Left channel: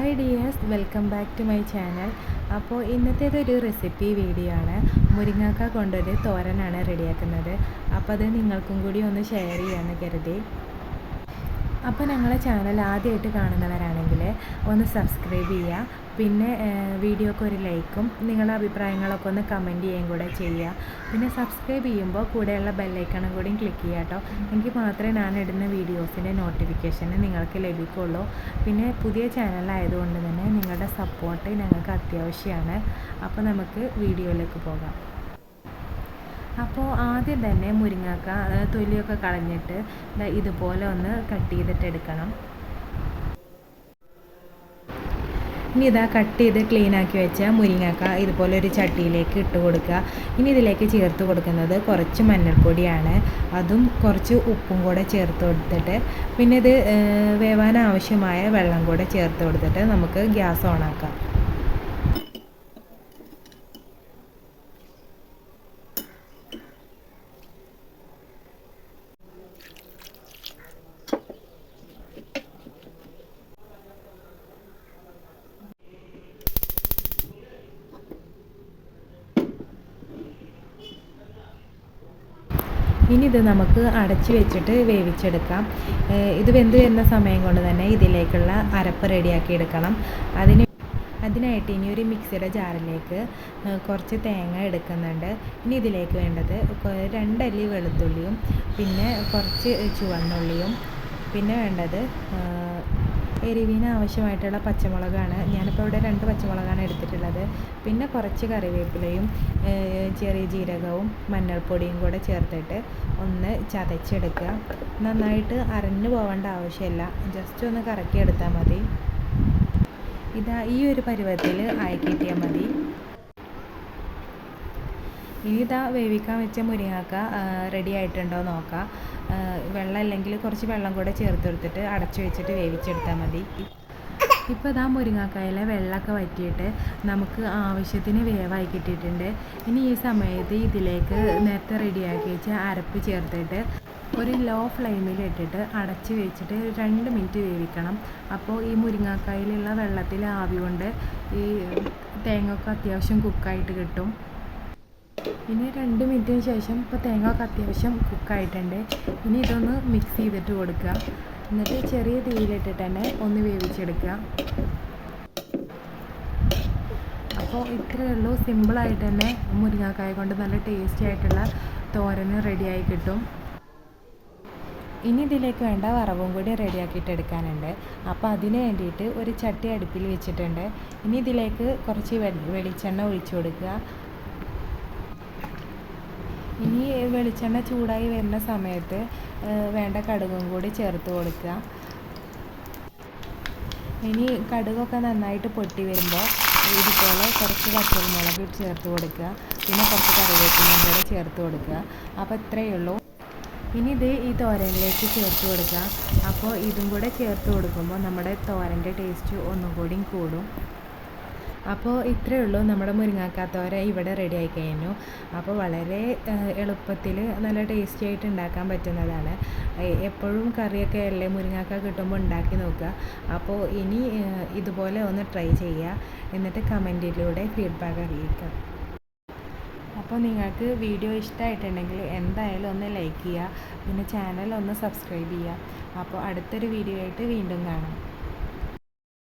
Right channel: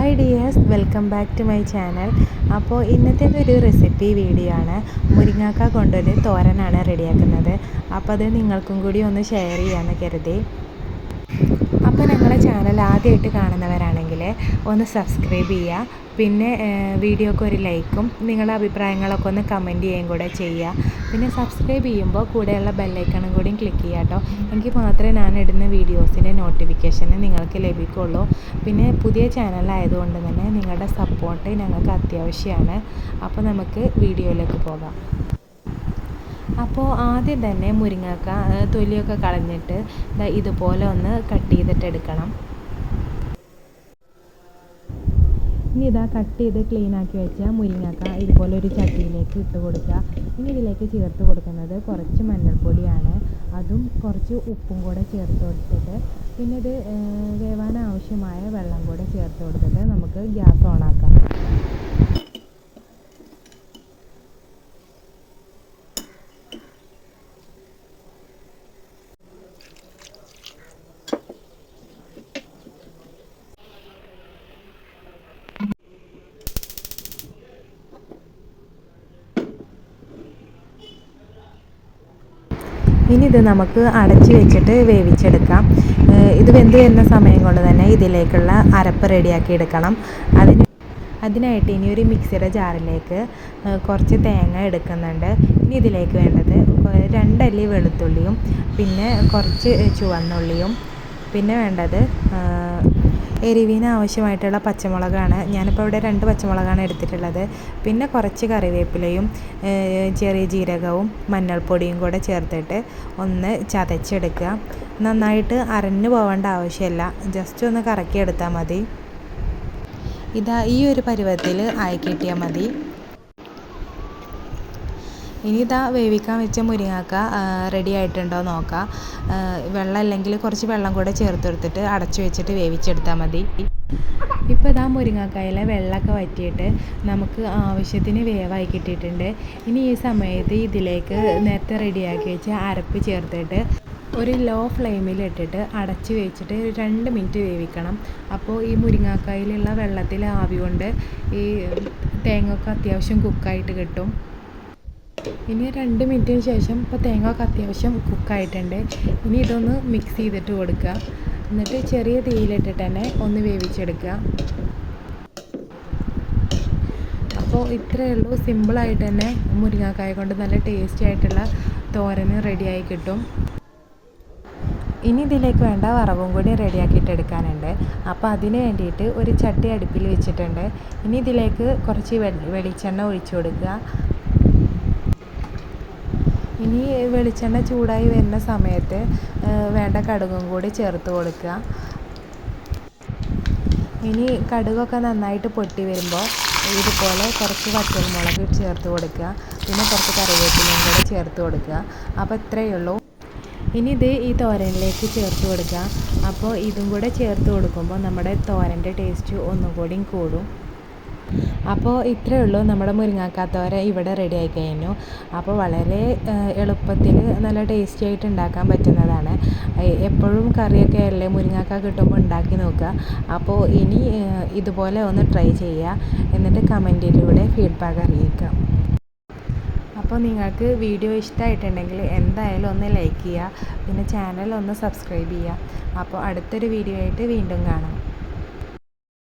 Hi dears, welcome back to my channel. അപ്പോൾ ഇന്നത്തേതൊരു recipe video ആണ്. മുരിങ്ങാക്ക കൊണ്ടൊരു തോരനാണ് റെഡിയാക്കുന്നത്. അപ്പോൾ അത് നിങ്ങൾക്കും കൂടി ഒന്ന് ഷെയർ ചെയ്യാമെന്ന് കരുതി. അപ്പോൾ ഞങ്ങളെ ചാനൽ ആദ്യമായിട്ട് കാണുന്നവരാണെങ്കിൽ ഒന്ന് സബ്സ്ക്രൈബ് ചെയ്യുക. പിന്നെ വീഡിയോക്ക് ഒരു ലൈക്കും നിങ്ങളുടെ അഭിപ്രായങ്ങളൊക്കെ ഒന്ന് കമൻറ്റ് ചെയ്യുകയും കൂടെ ചെയ്യുക. പിന്നെ സബ്സ്ക്രൈബ് ചെയ്യുമ്പോൾ കൂടെയുള്ള ബെല്ലൈക്കണും കൂടിയും ക്ലിക്ക് ചെയ്യുക കേട്ടോ. എങ്കിൽ മാത്രമേ ഞാൻ ഇടുന്ന വീഡിയോസിൻ്റെ നോട്ടിഫിക്കേഷൻ നിങ്ങൾക്ക് ലഭിക്കുള്ളൂ. പിന്നെ പുതിയ ചാനലായതുകൊണ്ട് തന്നെ നിങ്ങളുടെ സപ്പോർട്ട് ഞങ്ങൾക്ക് അത്യാവശ്യമാണ്. അപ്പോൾ നമുക്ക് വീഡിയോയിലേക്ക് പോകാം. അപ്പോൾ ആദ്യം തന്നെ മുരിങ്ങക്ക തൊലിയൊക്കെ കളഞ്ഞിട്ട് ഇതുപോലെ ഒന്ന് കട്ട് ചെയ്തിട്ടെടുക്കണം. ഇനി കട്ട് ചെയ്ത് ക്ലീനാക്കി വെച്ച മുരിങ്ങക്ക ഇതുപോലെ ഒരു ചട്ടിയിലേക്ക് ഇട്ട് കൊടുക്കുക. ഇനി ഇതിലേക്ക് ചേർത്ത് കൊടുക്കുന്നത് കുറച്ച് മഞ്ഞൾപ്പൊടിയാണ്. അതും കുറച്ച് ഉപ്പും കൂടെ ചേർത്ത് കൊടുത്തിട്ട് പിന്നെ ഇത് വേവാൻ ആവശ്യമായ വെള്ളം കൂടെ ചേർത്ത് കൊടുത്തിട്ട് നമുക്ക് ഗ്യാസ് ഓണാക്കാം. ഇനി ഇത് നമുക്ക് അടച്ച് വെച്ചിട്ട് വേവിച്ചെടുക്കാം. ഇത് വെന്ത് വരുന്ന സമയം കൊണ്ട് തന്നെ ഇതിലേക്കുള്ള അരപ്പ് റെഡിയാക്കി എടുക്കണം. അതിനായിട്ട് ഇനി ഒരു മിക്സിയുടെ ജാറിലേക്ക് കുറച്ച് തേങ്ങ എടുക്കുന്നുണ്ട്. ഇനി ഇതിലേക്ക് വേണ്ടത് 2 അല്ലി വെളുത്തുള്ളിയും പിന്നെ കുറച്ച് ചുവന്നുള്ളിയും പിന്നെ വേണ്ടത് എരിവിന് ആവശ്യമായിട്ടുള്ള പച്ചമുളകാണ്. ഞാനിപ്പോൾ ഇവിടെ 2 പച്ചമുളകാണ് എടുത്തിട്ടുള്ളത്. പിന്നെ കുറച്ച് കറിവേപ്പിലയും ചെറിയ ജീരകവും മഞ്ഞൾപ്പൊടിയും കൂടെ ചേർത്തിട്ട് ഒന്ന് ചതച്ചെടുക്കുക. നന്നായിട്ട് അരഞ്ഞു പോകേണ്ട ആവശ്യമില്ല, ജസ്റ്റ് ഒന്ന് കറക്കിയെടുത്താൽ മതി. ഈ ഒരു പരുവത്തിൽ ആയി കിട്ടിയാൽ മതി. ഇനി വേവിക്കാൻ വെച്ച മുരിങ്ങാക്ക റെഡി ആയിട്ടുണ്ടോ നോക്കാം. വെള്ളം അല്ലെങ്കിൽ കുറച്ച് വെള്ളം കൂടെ ചേർത്തെടുത്തിട്ട് അടച്ചു വെച്ചിട്ട് വേവിച്ചെടുത്താൽ മതി. ഇപ്പോൾ മുരിങ്ങാക്കായിലെ വെള്ളമൊക്കെ വറ്റിയിട്ട് നമുക്ക് ആവശ്യത്തിന് വേവായി കിട്ടിയിട്ടുണ്ട്. ഇനി ഈ സമയത്ത് ഇതിലേക്ക് നേരത്തെ റെഡിയാക്കി വെച്ച അരപ്പ് ചേർത്തിട്ട് ഒരു ലോ ഫ്ലെയിമിലിട്ടിട്ട് അടച്ച് വെച്ചിട്ട് 2 മിനിറ്റ് വേവിക്കണം. അപ്പോൾ ഈ മുരിങ്ങാക്കായിലുള്ള വെള്ളത്തിൽ ആവി കൊണ്ട് ഈ തേങ്ങയൊക്കെ അത്യാവശ്യം കുക്കായിട്ട് കിട്ടും. ഇനി 2 മിനിറ്റിന് ശേഷം ഇപ്പോൾ തേങ്ങയൊക്കെ അത്യാവശ്യം കുക്കായിട്ടുണ്ട്. ഇനി ഇതൊന്ന് മിക്സ് ചെയ്തിട്ട് കൊടുക്കുക. എന്നിട്ട് ചെറിയ തീയിലിട്ടിട്ട് തന്നെ ഒന്ന് വേവിച്ചെടുക്കുക. അപ്പോൾ ഇത്രയേ ഉള്ളൂ. സിമ്പിളായിട്ട് തന്നെ മുരിങ്ങാക്കായ കൊണ്ട് നല്ല ടേസ്റ്റി ആയിട്ടുള്ള തോരന് റെഡിയായി കിട്ടും. ഇനി ഇതിലേക്ക് വേണ്ട വറവും കൂടി റെഡിയാക്കിയിട്ട് എടുക്കാനുണ്ട്. അപ്പോൾ അതിന് വേണ്ടിയിട്ട് ഒരു ചട്ടി അടുപ്പിൽ വെച്ചിട്ടുണ്ട്. ഇനി ഇതിലേക്ക് കുറച്ച് വെളിച്ചെണ്ണ ഒഴിച്ചു കൊടുക്കുക. ഇനി വെളിച്ചെണ്ണ ചൂടായി വരുന്ന സമയത്ത് വേണ്ട കടുകും കൂടി ചേർത്ത് കൊടുക്കുക. ഇനി കടുകൊക്കെ നന്നായിട്ട് പൊട്ടി വരുമ്പോൾ ഇതുപോലെ കുറച്ച് പച്ചമുളക് ചേർത്ത് കൊടുക്കുക. പിന്നെ കുറച്ച് കറിവേപ്പിലയും കൂടെ ചേർത്ത് കൊടുക്കുക. അപ്പോൾ ഇത്രയേ ഉള്ളൂ. ഇനി ഈ തോരനിലേക്ക് ചേർത്ത് കൊടുക്കുക. അപ്പോൾ ഇതും കൂടെ ചേർത്ത് കൊടുക്കുമ്പോൾ നമ്മുടെ തോരൻ്റെ ടേസ്റ്റ് ഒന്നും കൂടി കൂടും. അപ്പോൾ ഇത്രയേ ഉള്ളൂ, നമ്മുടെ മുരിങ്ങാക്കാത്തോര ഇവിടെ റെഡി ആയി കഴിഞ്ഞു. അപ്പോൾ വളരെ എളുപ്പത്തിൽ നല്ല ടേസ്റ്റി ആയിട്ട് ഉണ്ടാക്കാൻ പറ്റുന്നതാണ്. എപ്പോഴും കറിയൊക്കെ അല്ലേ മുരിങ്ങാക്ക കിട്ടുമ്പോൾ ഉണ്ടാക്കി നോക്കുക. അപ്പോൾ ഇനി ഇതുപോലെ ഒന്ന് ട്രൈ ചെയ്യുക. എന്നിട്ട് കമൻറ്റിലൂടെ ഫീഡ്ബാക്ക് അറിയിക്കുക. അപ്പോൾ നിങ്ങൾക്ക് വീഡിയോ ഇഷ്ടമായിട്ടുണ്ടെങ്കിൽ എന്തായാലും ഒന്ന് ലൈക്ക് ചെയ്യുക. പിന്നെ ചാനൽ ഒന്ന് സബ്സ്ക്രൈബ് ചെയ്യുക. അപ്പോൾ അടുത്തൊരു വീഡിയോ ആയിട്ട് വീണ്ടും കാണാം.